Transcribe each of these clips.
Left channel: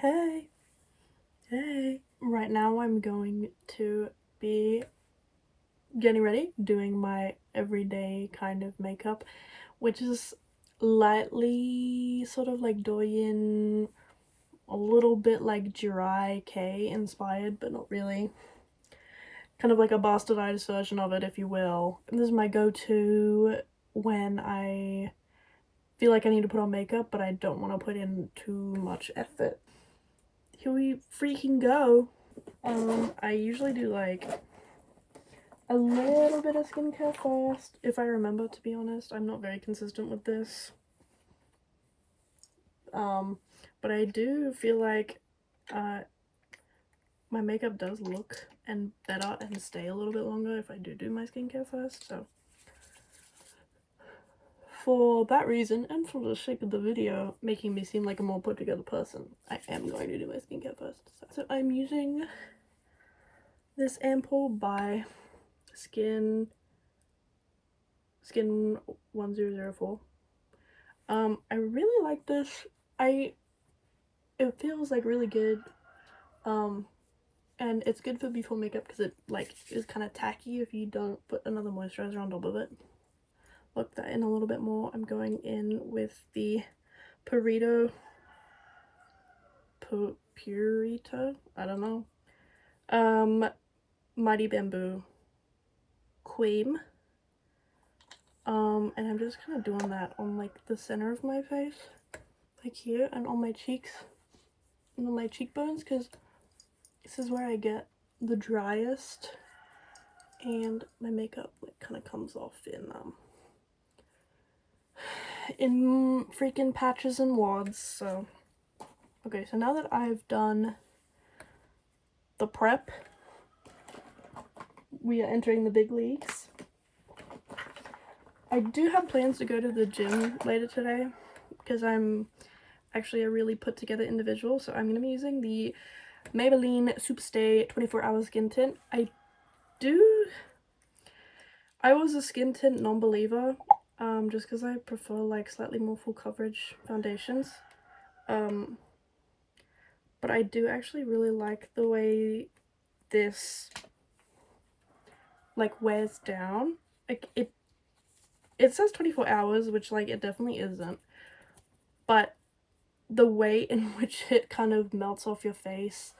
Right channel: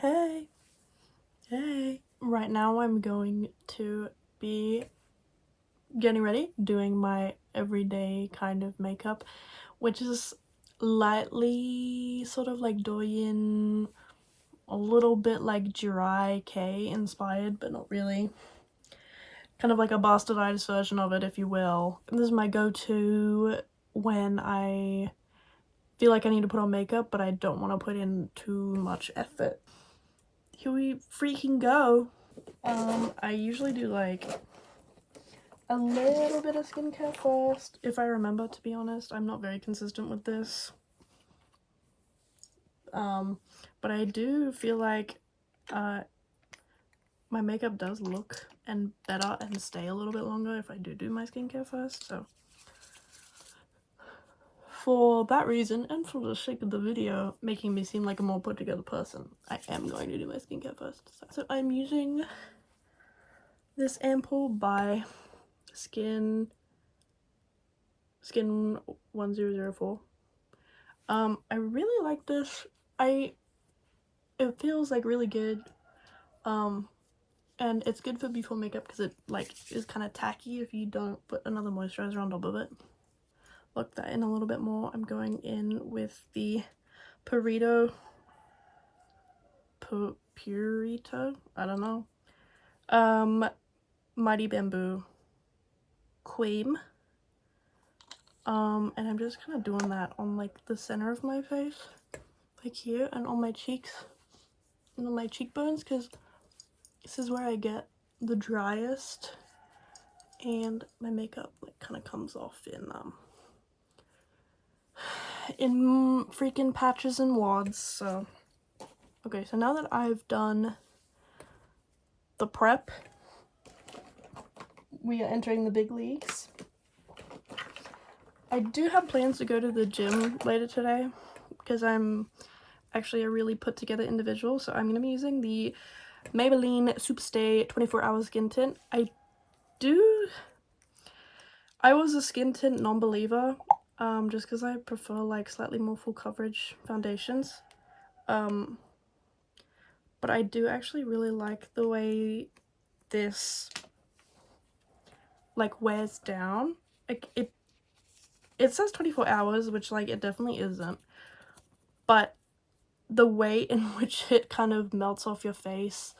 Hey. Right now I'm going to be getting ready, doing my everyday kind of makeup, which is lightly sort of like douyin, a little bit like jirai K inspired, but not really. Kind of like a bastardized version of it, if you will. This is my go-to when I feel like I need to put on makeup, but I don't want to put in too much effort. Here we freaking go. I usually do like a little bit of skincare first, if I remember, to be honest. I'm not very consistent with this. But I do feel like my makeup does look and better and stay a little bit longer if I do my skincare first, so for that reason, and for the sake of the video making me seem like a more put together person, I am going to do my skincare first. So I'm using this ampoule by Skin 1004. I really like this. It feels like really good, and it's good for before makeup because it like is kind of tacky if you don't put another moisturizer on top of it. Look that in a little bit more. I'm going in with the Purito, I don't know, Mighty Bamboo Cream, and I'm just kind of doing that on like the center of my face, like here, and on my cheeks and on my cheekbones, because this is where I get the driest and my makeup like kind of comes off in freaking patches and wads. So okay, so now that I've done the prep, we are entering the big leagues. I do have plans to go to the gym later today because I'm actually a really put together individual, so I'm going to be using the Maybelline Superstay 24-hour skin tint. I was a skin tint non-believer, just because I prefer like slightly more full coverage foundations, but I do actually really like the way this like wears down. Like it says 24 hours, which like it definitely isn't, but the way in which it kind of melts off your face,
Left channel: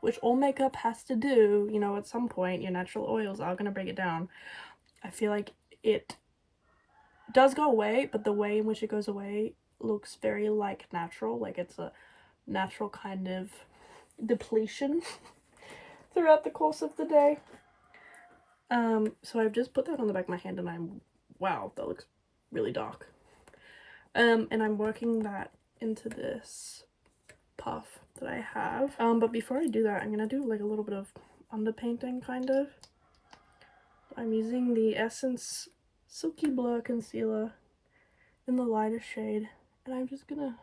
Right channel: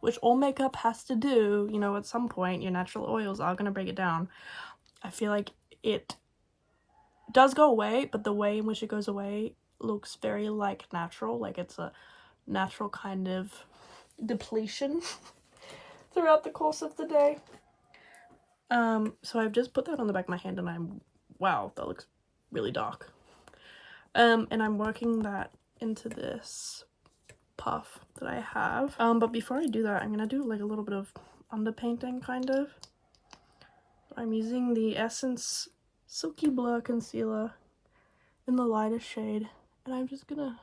which all makeup has to do, you know, at some point your natural oils are going to break it down. I feel like it does go away, but the way in which it goes away looks very like natural, like it's a natural kind of depletion throughout the course of the day. So I've just put that on the back of my hand and wow, that looks really dark. And I'm working that into this puff that I have. But before I do that, I'm gonna do like a little bit of underpainting kind of. I'm using the Essence Silky Blur Concealer in the lightest shade, and I'm just gonna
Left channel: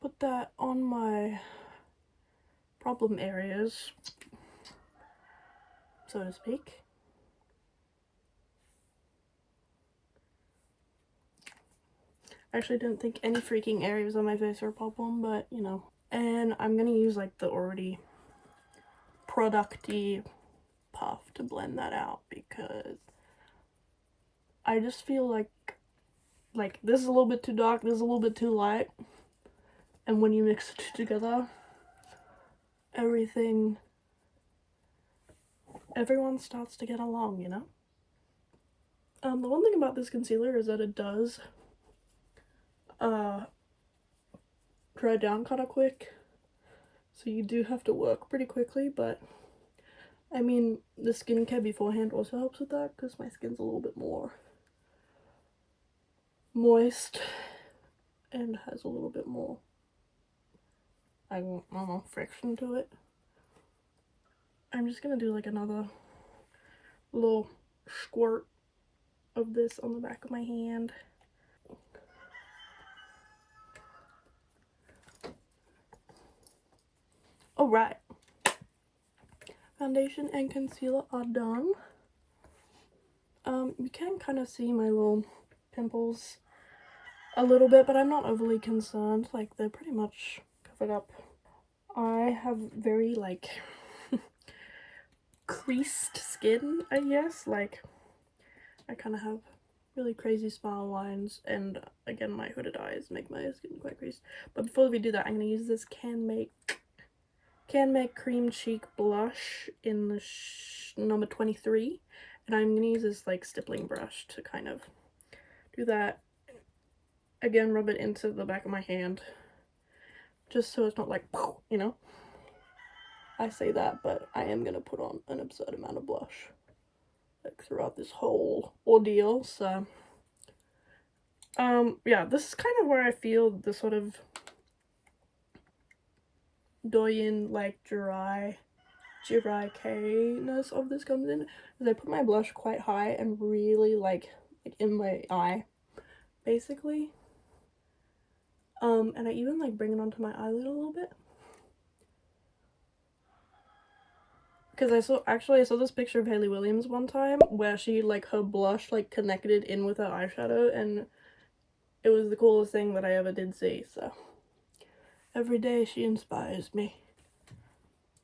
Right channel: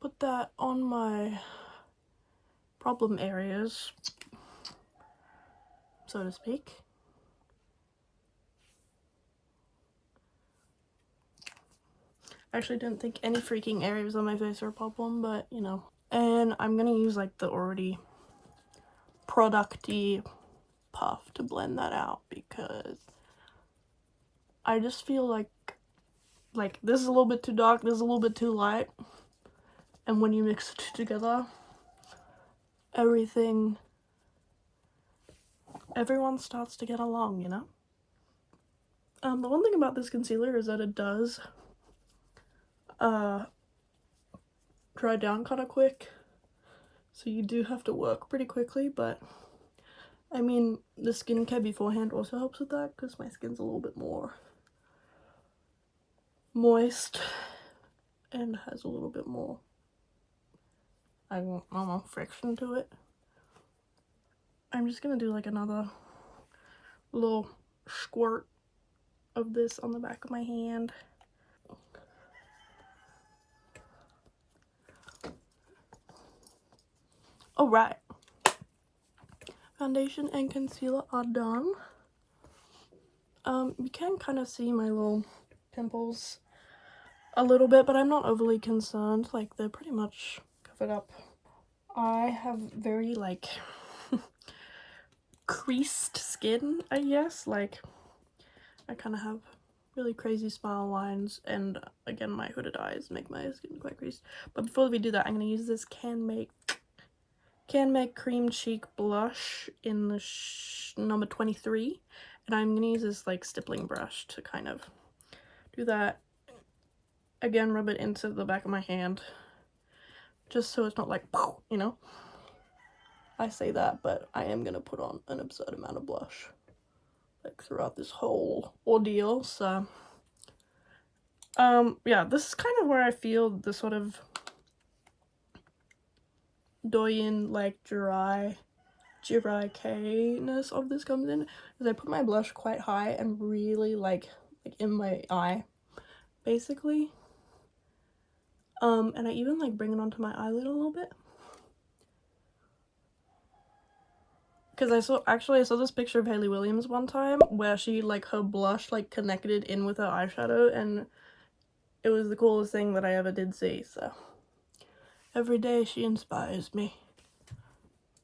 put that on my problem areas, so to speak. I actually didn't think any freaking areas on my face were a problem, but you know. And I'm gonna use like the already producty puff to blend that out, because I just feel like this is a little bit too dark, this is a little bit too light, and when you mix it together, everyone starts to get along, you know? The one thing about this concealer is that it does dry down kind of quick, so you do have to work pretty quickly, but I mean, the skincare beforehand also helps with that, because my skin's a little bit more moist and has a little bit more, I don't know, friction to it. I'm just gonna do like another little squirt of this on the back of my hand. Alright, foundation and concealer are done. You can kind of see my little pimples a little bit, but I'm not overly concerned. Like, they're pretty much covered up. I have very, like, creased skin, I guess. Like, I kind of have really crazy smile lines, and again, my hooded eyes make my skin quite creased. But before we do that, I'm going to use this Can Make Cream Cheek Blush in the number 23, and I'm going to use this, like, stippling brush to kind of do that. Again, rub it into the back of my hand, just so it's not like, you know? I say that, but I am going to put on an absurd amount of blush, like, throughout this whole ordeal, so... yeah, this is kind of where I feel the sort of douyin, like, jirai K-ness of this comes in, because I put my blush quite high and really, like in my eye, basically. And I even, like, bring it onto my eyelid a little bit. Because I saw this picture of Hayley Williams one time, where she, like, her blush, like, connected in with her eyeshadow, and it was the coolest thing that I ever did see, so. Every day she inspires me.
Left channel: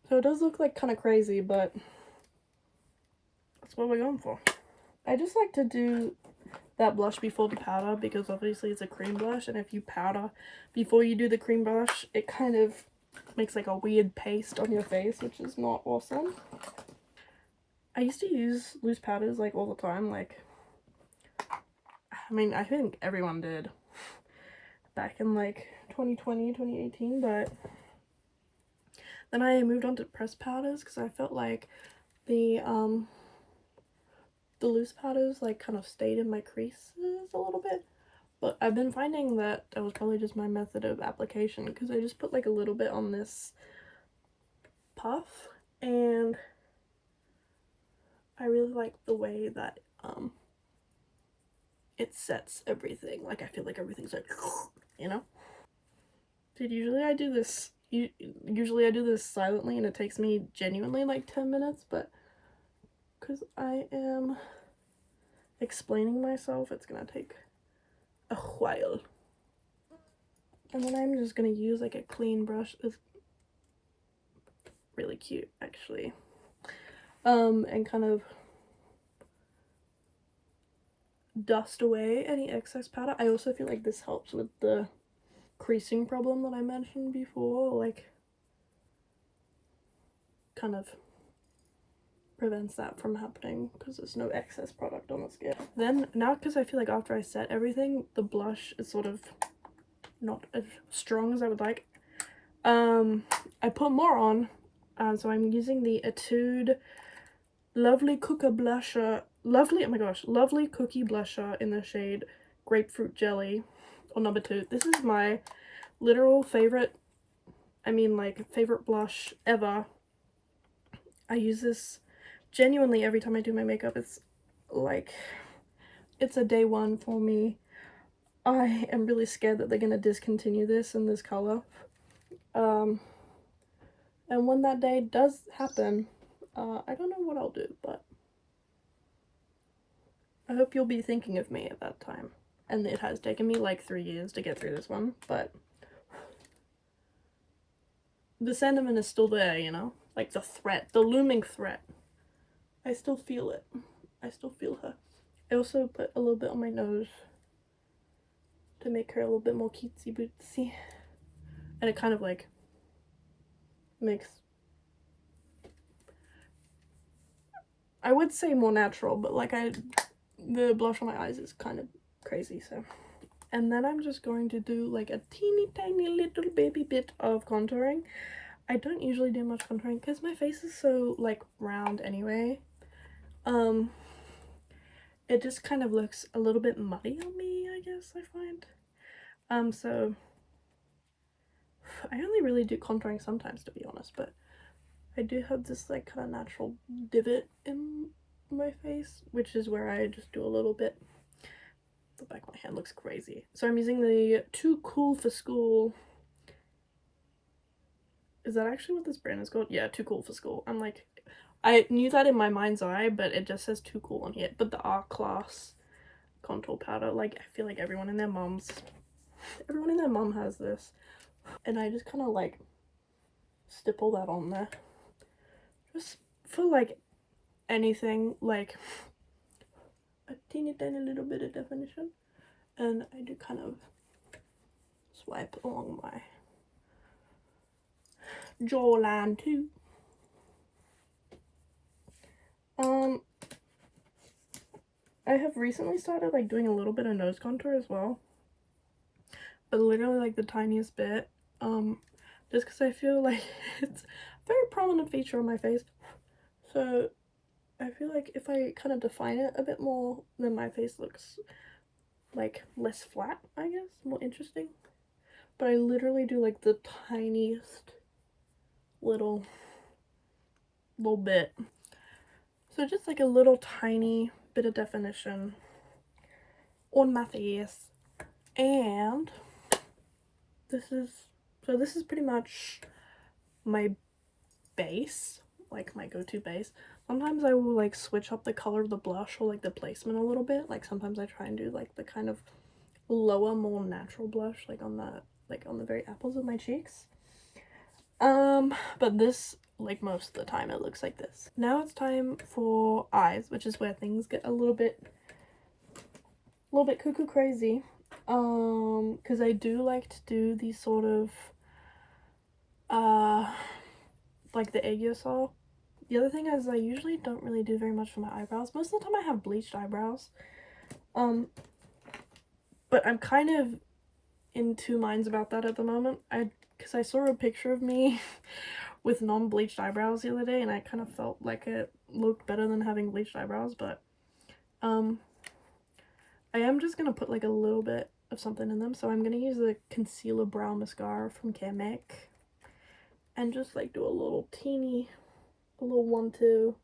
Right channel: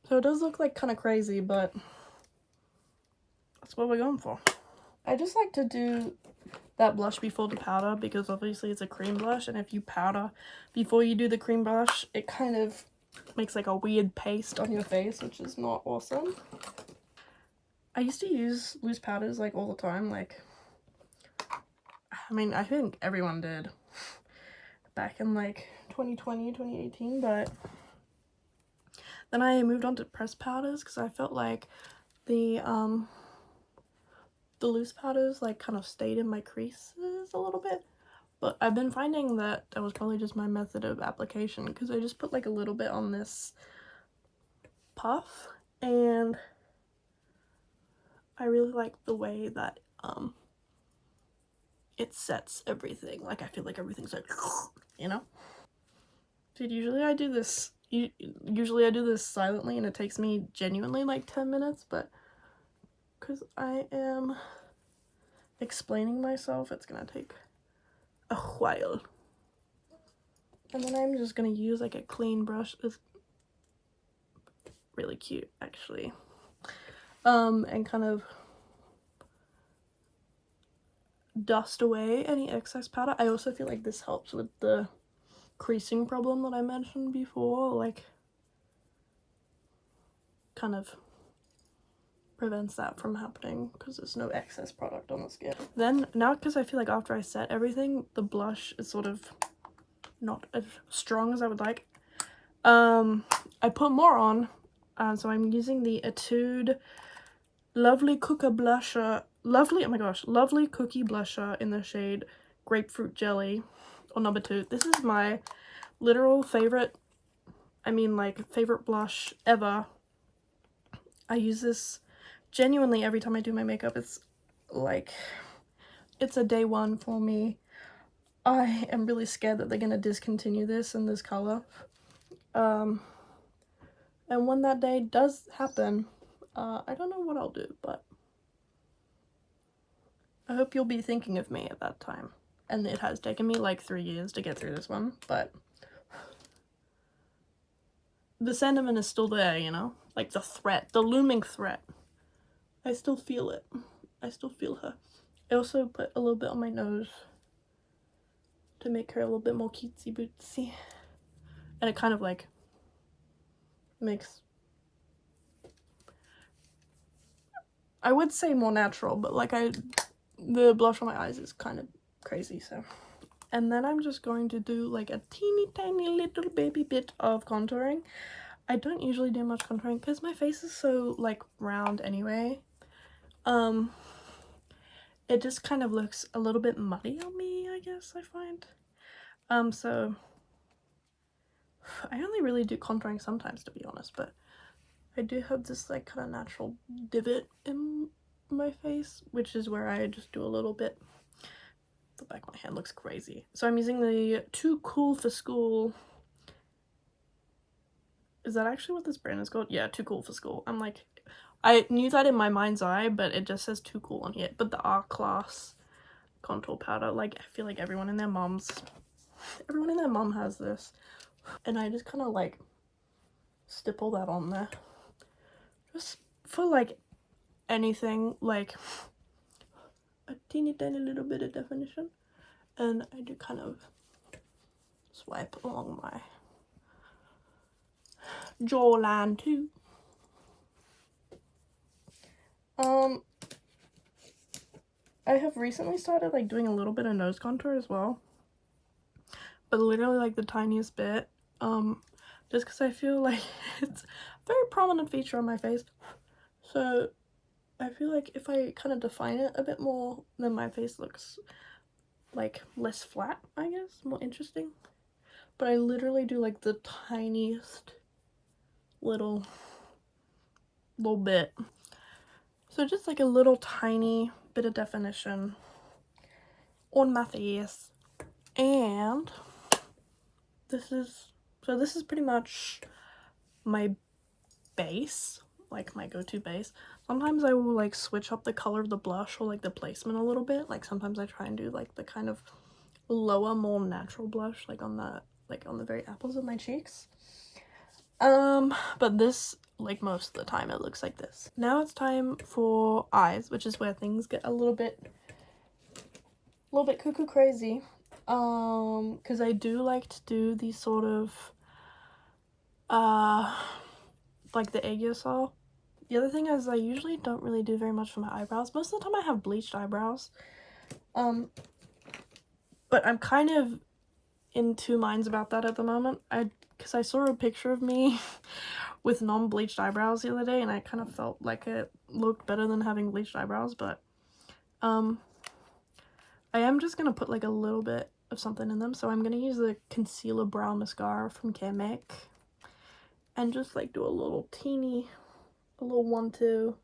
So it does look, like, kind of crazy, but that's what we're going for. I just like to do that blush before the powder, because obviously it's a cream blush, and if you powder before you do the cream blush, it kind of makes, like, a weird paste on your face, which is not awesome. I used to use loose powders, like, all the time, like, I mean, I think everyone did back in, like, 2020, 2018, but then I moved on to pressed powders, because I felt like the loose powders, like, kind of stayed in my creases a little bit. But I've been finding that was probably just my method of application, because I just put, like, a little bit on this puff, and I really like the way that it sets everything. Like, I feel like everything's like, you know? Dude, usually I do this silently, and it takes me genuinely, like, 10 minutes, but because I am explaining myself, it's gonna take a while. And then I'm just gonna use, like, a clean brush. It's really cute, actually. And kind of dust away any excess powder. I also feel like this helps with the creasing problem that I mentioned before, like, kind of prevents that from happening, because there's no excess product on the skin. Then, now, because I feel like after I set everything, the blush is sort of not as strong as I would like, I put more on, so I'm using the Etude Lovely Cookie Blusher in the shade Grapefruit Jelly, or number 2. This is my literal favorite, favorite blush ever. I use this genuinely every time I do my makeup. It's like, it's a day one for me. I am really scared that they're gonna discontinue this in this color. And when that day does happen, I don't know what I'll do, but I hope you'll be thinking of me at that time. And it has taken me like 3 years to get through this one, but the sentiment is still there, you know? Like, the threat, the looming threat. I still feel it. I still feel her. I also put a little bit on my nose to make her a little bit more cutesy bootsy. And it kind of, like, makes, I would say more natural, but, like, the blush on my eyes is kind of crazy, so. And then I'm just going to do, like, a teeny tiny little baby bit of contouring. I don't usually do much contouring because my face is so, like, round anyway. It just kind of looks a little bit muddy on me, I guess, I find. So I only really do contouring sometimes, to be honest, but I do have this, like, kind of natural divot in my face, which is where I just do a little bit. The back of my hand looks crazy. So I'm using the Too Cool for School. Is that actually what this brand is called? Yeah, Too Cool for School. I'm like, I knew that in my mind's eye, but it just says Too Cool on here. But the R Class contour powder, like, I feel like everyone and their moms Everyone and their mom has this. And I just kind of like stipple that on there. Just for like anything, like a teeny tiny little bit of definition. And I do kind of swipe along my jawline too. I have recently started like doing a little bit of nose contour as well, but literally like the tiniest bit, just because I feel like it's a very prominent feature on my face. So I feel like if I kind of define it a bit more, then my face looks like less flat, I guess, more interesting. But I literally do like the tiniest little bit. So just like a little tiny bit of definition on my face. And this is pretty much my base, like my go-to base. Sometimes I will like switch up the color of the blush or like the placement a little bit. Like sometimes I try and do like the kind of lower, more natural blush, like on the very apples of my cheeks. But this, like most of the time, it looks like this. Now it's time for eyes, which is where things get a little bit cuckoo crazy. Because I do like to do these sort of like the aegyo. The other thing is I usually don't really do very much for my eyebrows. Most of the time I have bleached eyebrows. But I'm kind of in two minds about that at the moment. Because I saw a picture of me with non-bleached eyebrows the other day, and I kind of felt like it looked better than having bleached eyebrows, but I am just gonna put like a little bit of something in them. So I'm gonna use the concealer brow mascara from Can Make and just like do a little 1-2 to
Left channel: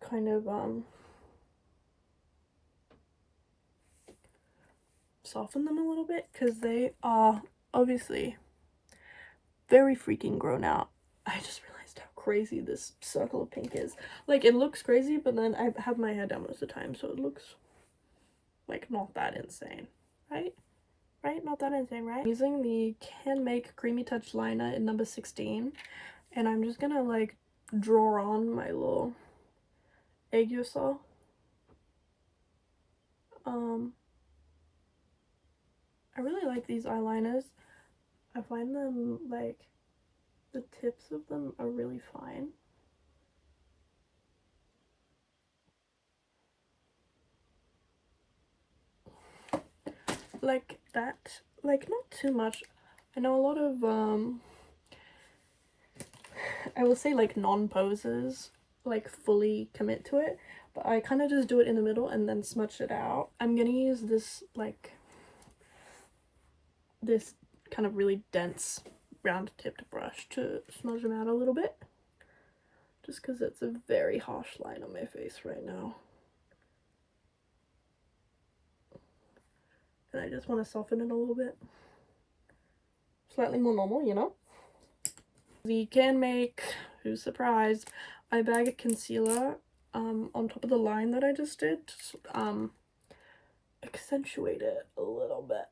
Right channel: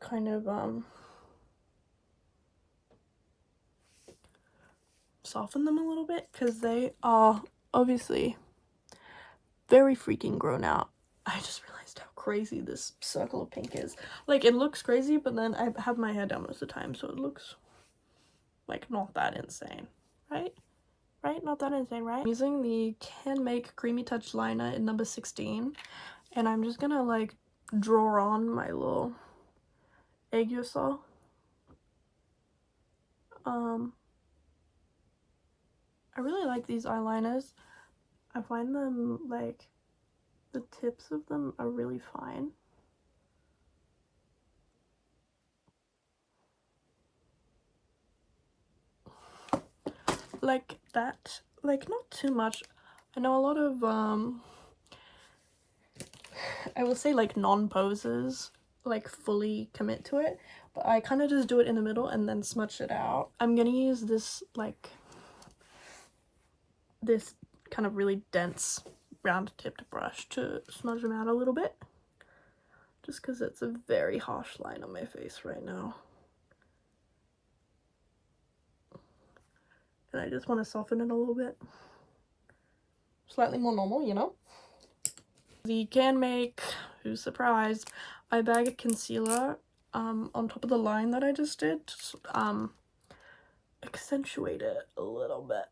kind of soften them a little bit, because they are obviously very freaking grown out. I just realized how crazy this circle of pink is. Like, it looks crazy, but then I have my hair down most of the time, so it looks like not that insane, right? Not that insane, right? I'm using the Can Make Creamy Touch liner in number 16, and I'm just gonna like draw on my little aegyo. I really like these eyeliners. I find them like the tips of them are really fine. Like that, like not too much. I know a lot of I will say like non-posers like fully commit to it, but I kind of just do it in the middle and then smudge it out. I'm gonna use this like this kind of really dense round tipped brush to smudge them out a little bit, just because it's a very harsh line on my face right now. And I just want to soften it a little bit. Slightly more normal, you know? The Can Make, who's surprised, eye bag concealer on top of the line that I just did. Accentuate it a little bit.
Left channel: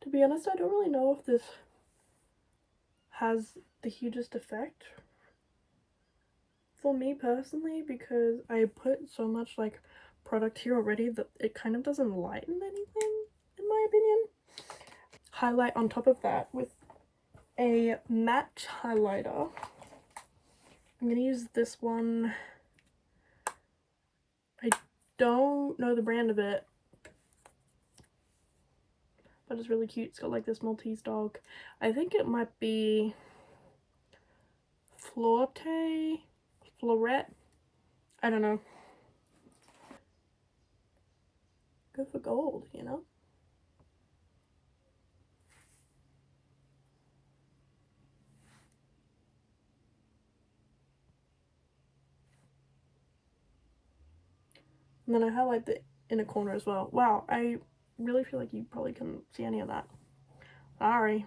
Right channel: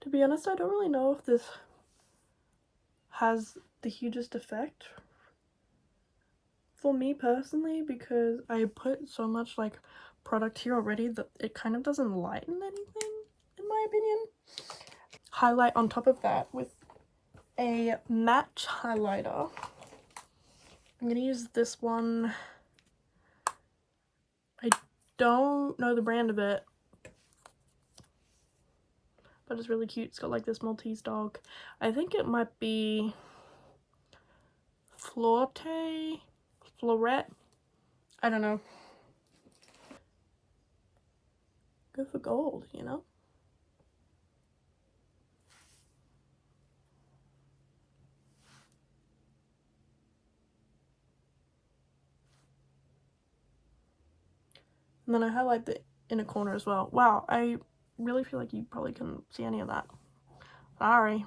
To be honest, I don't really know if this has the hugest effect for me personally, because I put so much like product here already that it kind of doesn't lighten anything, in my opinion. Highlight on top of that with a matte highlighter. I'm gonna use this one. I don't know the brand of it, but it's really cute. It's got like this Maltese dog. I think it might be Florette. I don't know. Go for gold, you know? And then I highlight the inner corner as well. Wow, I really feel like you probably couldn't see any of that. Sorry.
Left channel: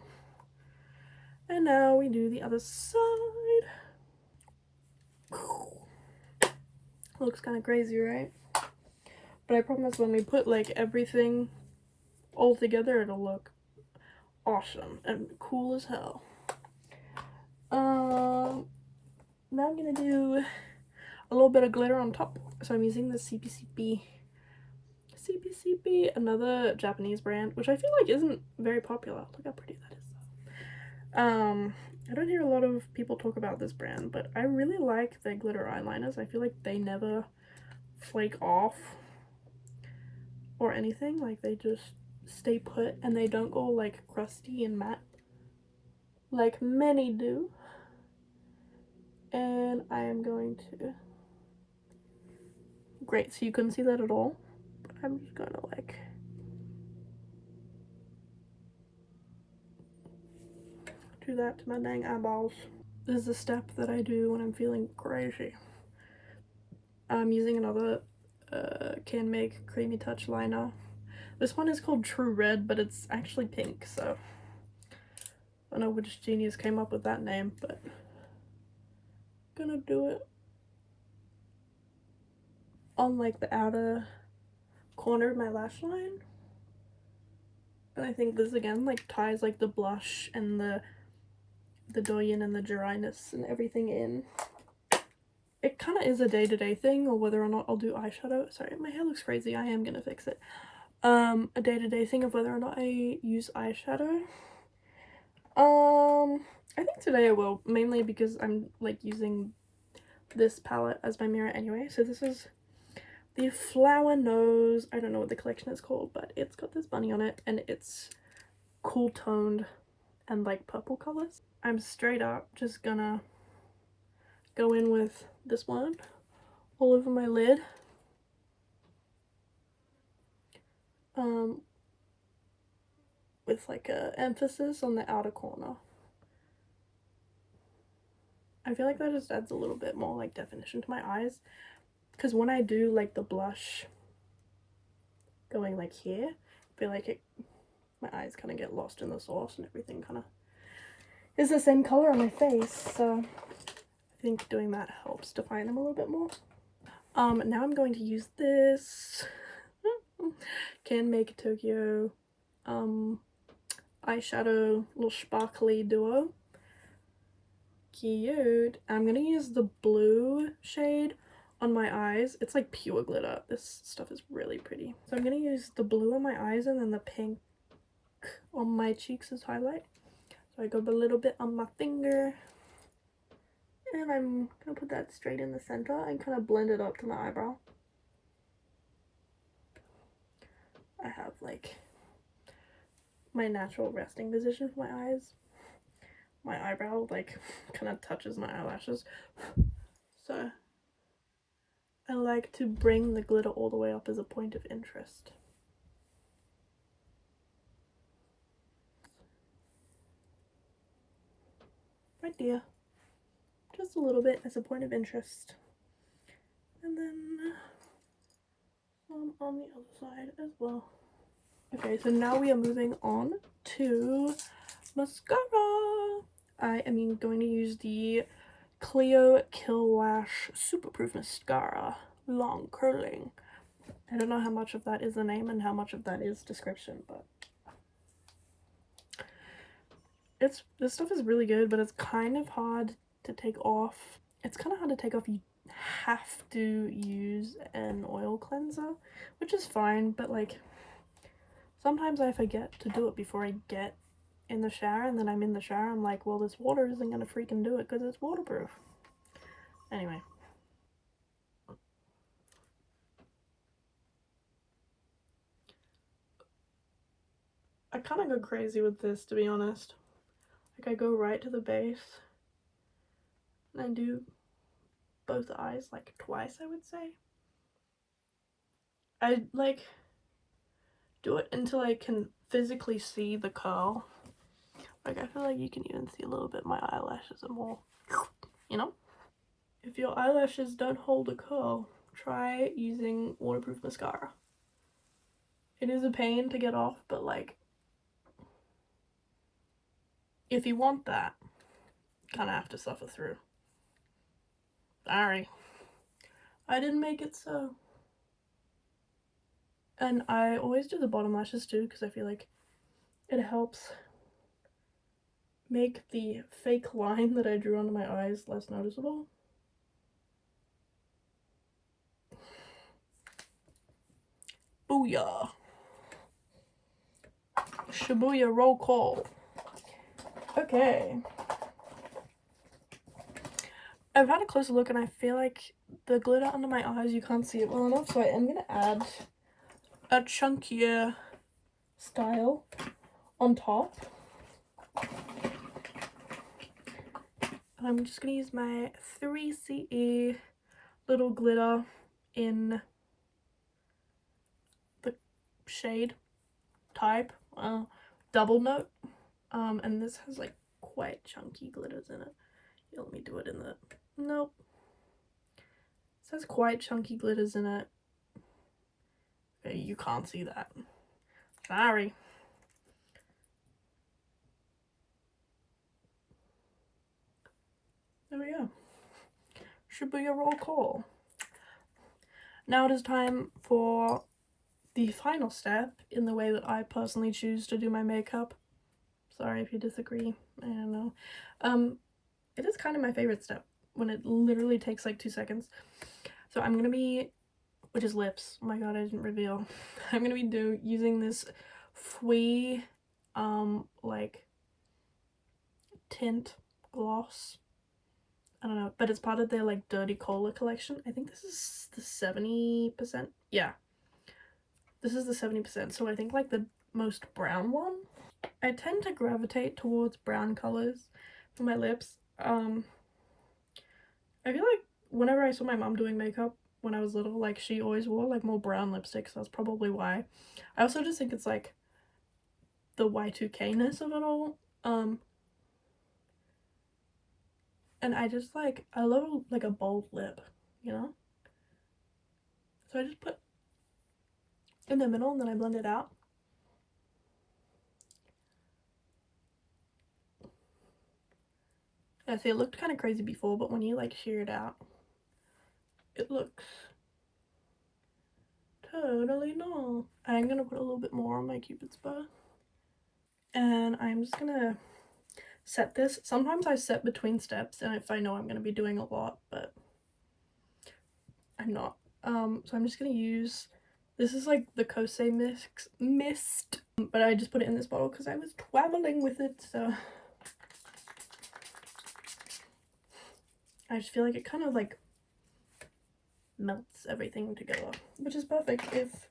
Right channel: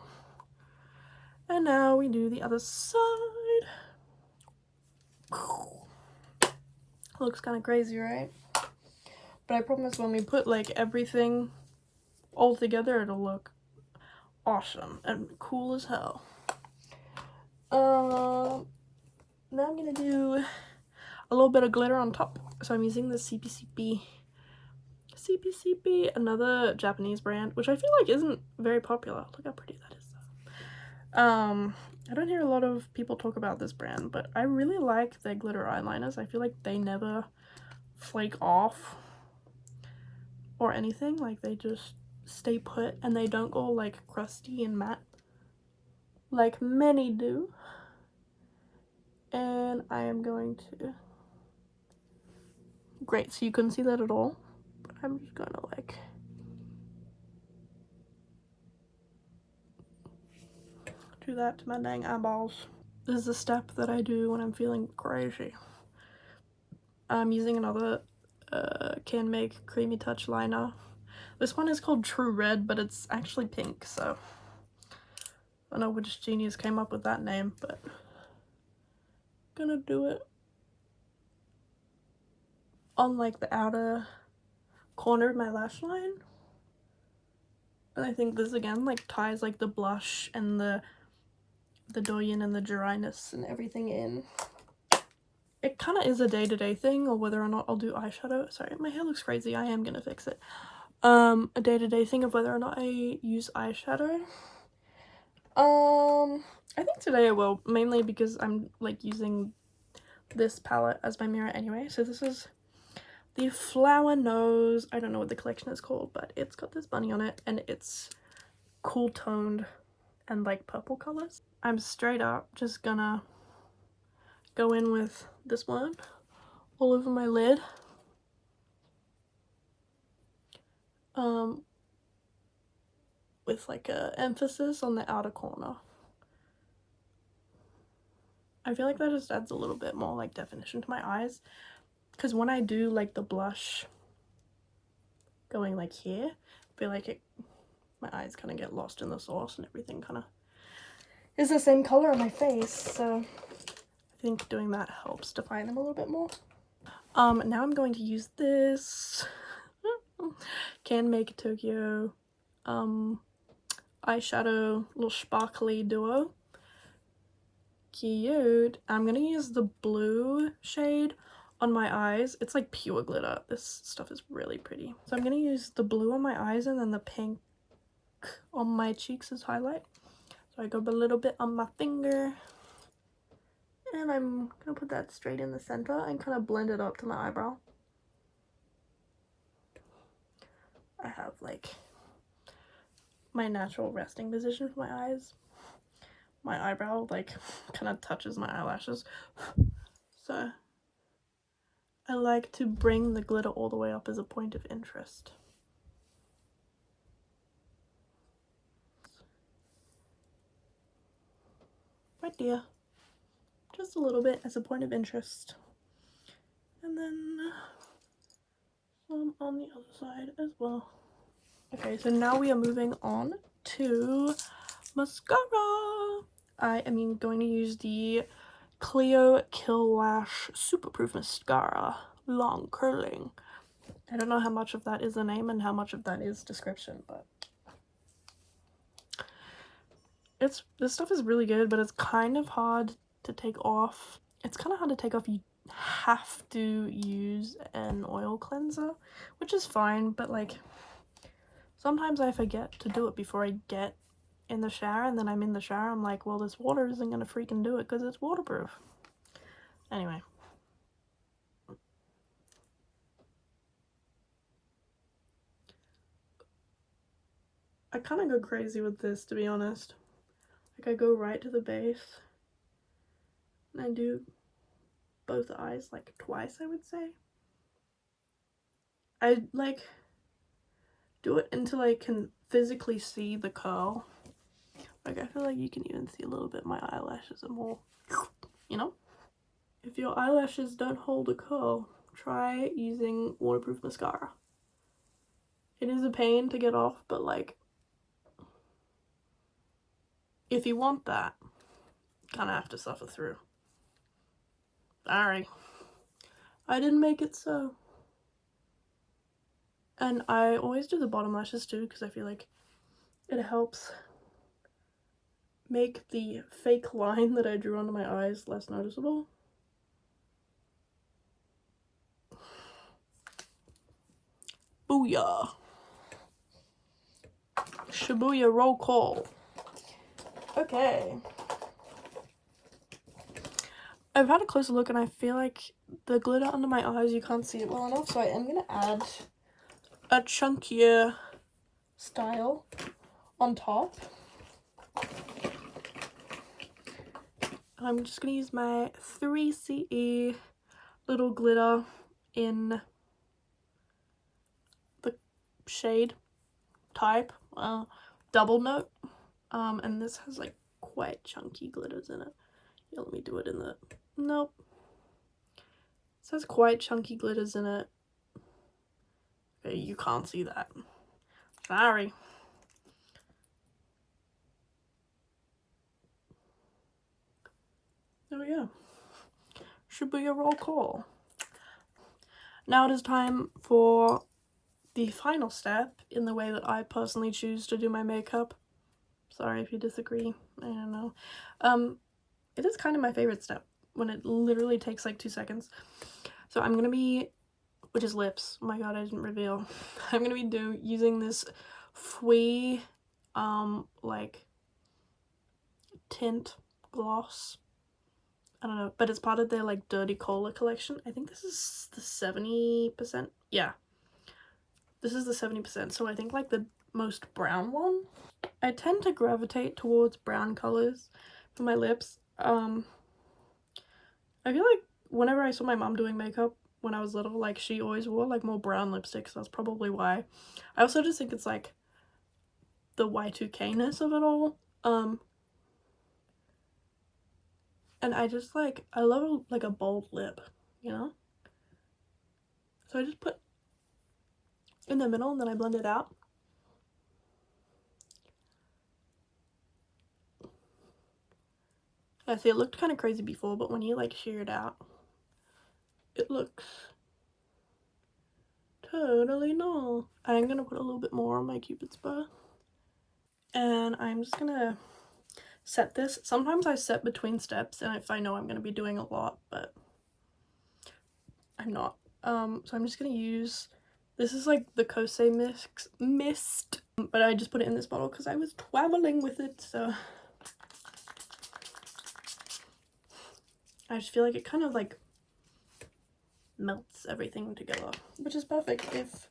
And now we do the other side. Looks kind of crazy, right? But I promise when we put like everything all together, it'll look awesome and cool as hell. Now I'm gonna do a little bit of glitter on top. So I'm using the CPCP, another Japanese brand, which I feel like isn't very popular. Look how pretty that is though. I don't hear a lot of people talk about this brand, but I really like their glitter eyeliners. I feel like they never flake off or anything. Like, they just stay put and they don't go like crusty and matte like many do. And I am going to, great, so you couldn't see that at all, but I'm just gonna like do that to my dang eyeballs. This is a step that I do when I'm feeling crazy. I'm using another Can Make Creamy Touch liner. This one is called True Red, but it's actually pink, so I don't know which genius came up with that name, but I'm gonna do it on like the outer corner of my lash line. And I think this again like ties like the blush and the douyin and the jirai-ness and everything in. It kind of is a day-to-day thing, or whether or not I'll do eyeshadow. Sorry, my hair looks crazy. I am gonna fix it. A day-to-day thing of whether or not I use eyeshadow. I think today I will, mainly because I'm like using this palette as my mirror anyway. So this is the Flower Nose. I don't know what the collection is called, but it's got this bunny on it and it's cool toned and like purple colors. I'm straight up just gonna go in with this one all over my lid. With like a emphasis on the outer corner. I feel like that just adds a little bit more like definition to my eyes, because when I do like the blush going like here, I feel like my eyes kind of get lost in the sauce and everything kind of is the same color on my face, so I think doing that helps define them a little bit more. Now I'm going to use this Can Make Tokyo eyeshadow little sparkly duo. Cute. I'm gonna use the blue shade on my eyes. It's like pure glitter. This stuff is really pretty. So I'm gonna use the blue on my eyes and then the pink on my cheeks as highlight. So I go a little bit on my finger. And I'm gonna put that straight in the center and kind of blend it up to my eyebrow. I have like my natural resting position for my eyes. My eyebrow like kind of touches my eyelashes. So I like to bring the glitter all the way up as a point of interest. Right there. Just a little bit as a point of interest. And then some on the other side as well. Okay, so now we are moving on to mascara. I am going to use the Clio Kill Lash Superproof Mascara, long curling. I don't know how much of that is the name and how much of that is description, but this stuff is really good, but it's kind of hard to take off. It's kind of hard to take off. You have to use an oil cleanser, which is fine, but like sometimes I forget to do it before I get in the shower, and then I'm in the shower, I'm like, well, this water isn't gonna freaking do it because it's waterproof. Anyway. I kind of go crazy with this, to be honest. Like, I go right to the base, and I do both eyes, like, twice, I would say. I, like, do it until I can physically see the curl. Like, I feel like you can even see a little bit my eyelashes are more, you know? If your eyelashes don't hold a curl, try using waterproof mascara. It is a pain to get off, but, like, if you want that, you kind of have to suffer through. Sorry. I didn't make it so. And I always do the bottom lashes too because I feel like it helps make the fake line that I drew under my eyes less noticeable. Booyah. Shibuya roll call. Okay. I've had a closer look and I feel like the glitter under my eyes, you can't see it well enough, so I am going to add a chunkier style on top. I'm just going to use my hiiiiii little glitter in the shade type double note, and this has like quite chunky glitters in it. Yeah, let me do it in the nope. This has quite chunky glitters in it. Okay, you can't see that. Sorry. There we go. Should be a roll call. Now it is time for the final step in the way that I personally choose to do my makeup. Sorry if you disagree. I don't know. It is kind of my favorite step when it literally takes like 2 seconds. So I'm gonna be, which is lips. Oh my god, I didn't reveal. I'm gonna be using this hiiiiii like tint gloss. I don't know, but it's part of their like Dirty Cola collection. I think this is the 70%. Yeah, this is the 70%. So I think like the most brown one. I tend to gravitate towards brown colors for my lips. I feel like whenever I saw my mom doing makeup when I was little, like she always wore like more brown lipstick, so that's probably why. I also just think it's like the Y2K-ness of it all. And I just like, I love like a bold lip, you know? So I just put in the middle and then I blend it out. I see it looked kind of crazy before, but when you like shear it out, it looks totally normal. I'm gonna put a little bit more on my Cupid's bow. And I'm just gonna set this. Sometimes I set between steps and if I know I'm gonna be doing a lot, but I'm not. So I'm just gonna use, this is like the Kosei mist, but I just put it in this bottle because I was traveling with it, so I just feel like it kind of like melts everything together, which is perfect if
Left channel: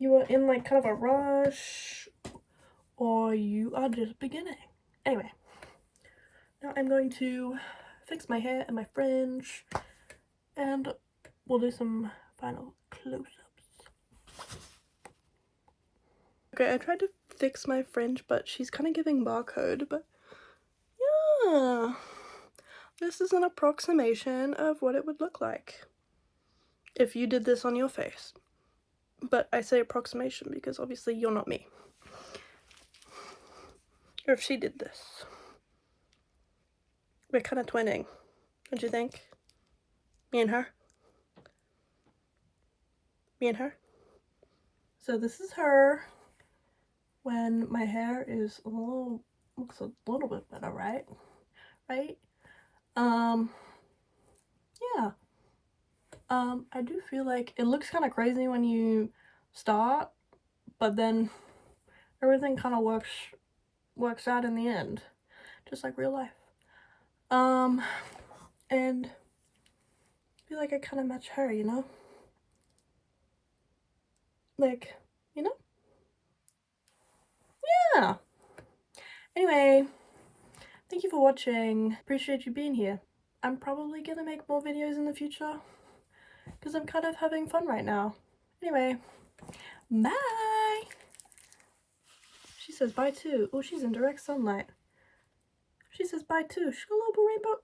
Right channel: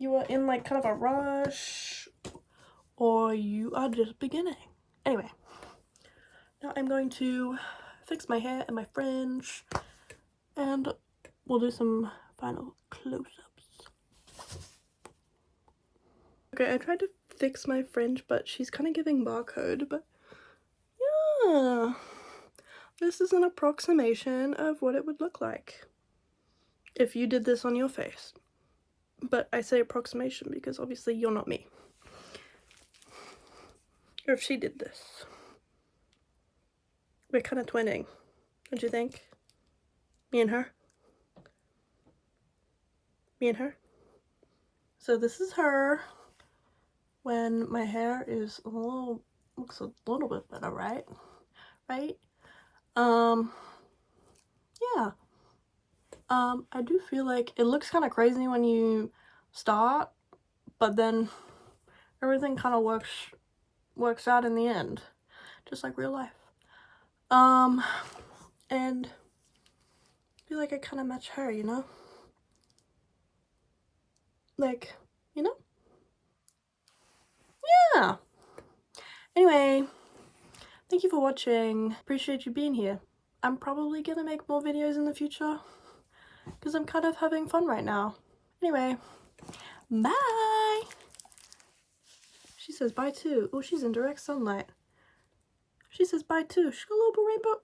you are in like kind of a rush or you are just beginning. Anyway, now I'm going to fix my hair and my fringe and we'll do some final close-ups. Okay, I tried to fix my fringe, but she's kind of giving barcode, but yeah, this is an approximation of what it would look like if you did this on your face. But I say approximation because obviously you're not me. Or if she did this. We're kind of twinning, don't you think? Me and her. Me and her. So this is her when my hair is a little, looks a little bit better, right? Right? Yeah. I do feel like it looks kind of crazy when you start, but then everything kind of works out in the end, just like real life. And I feel like I kind of match her, you know? Like, you know? Yeah. Anyway, thank you for watching. Appreciate you being here. I'm probably gonna make more videos in the future because I'm kind of having fun right now. Anyway, bye. She says bye too. Oh, she's in direct sunlight. She says bye too. She got a little rainbow.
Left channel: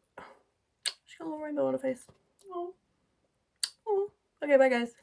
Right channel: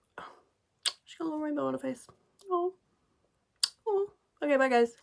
She got a little rainbow on her face. Oh. Oh. Okay, bye guys.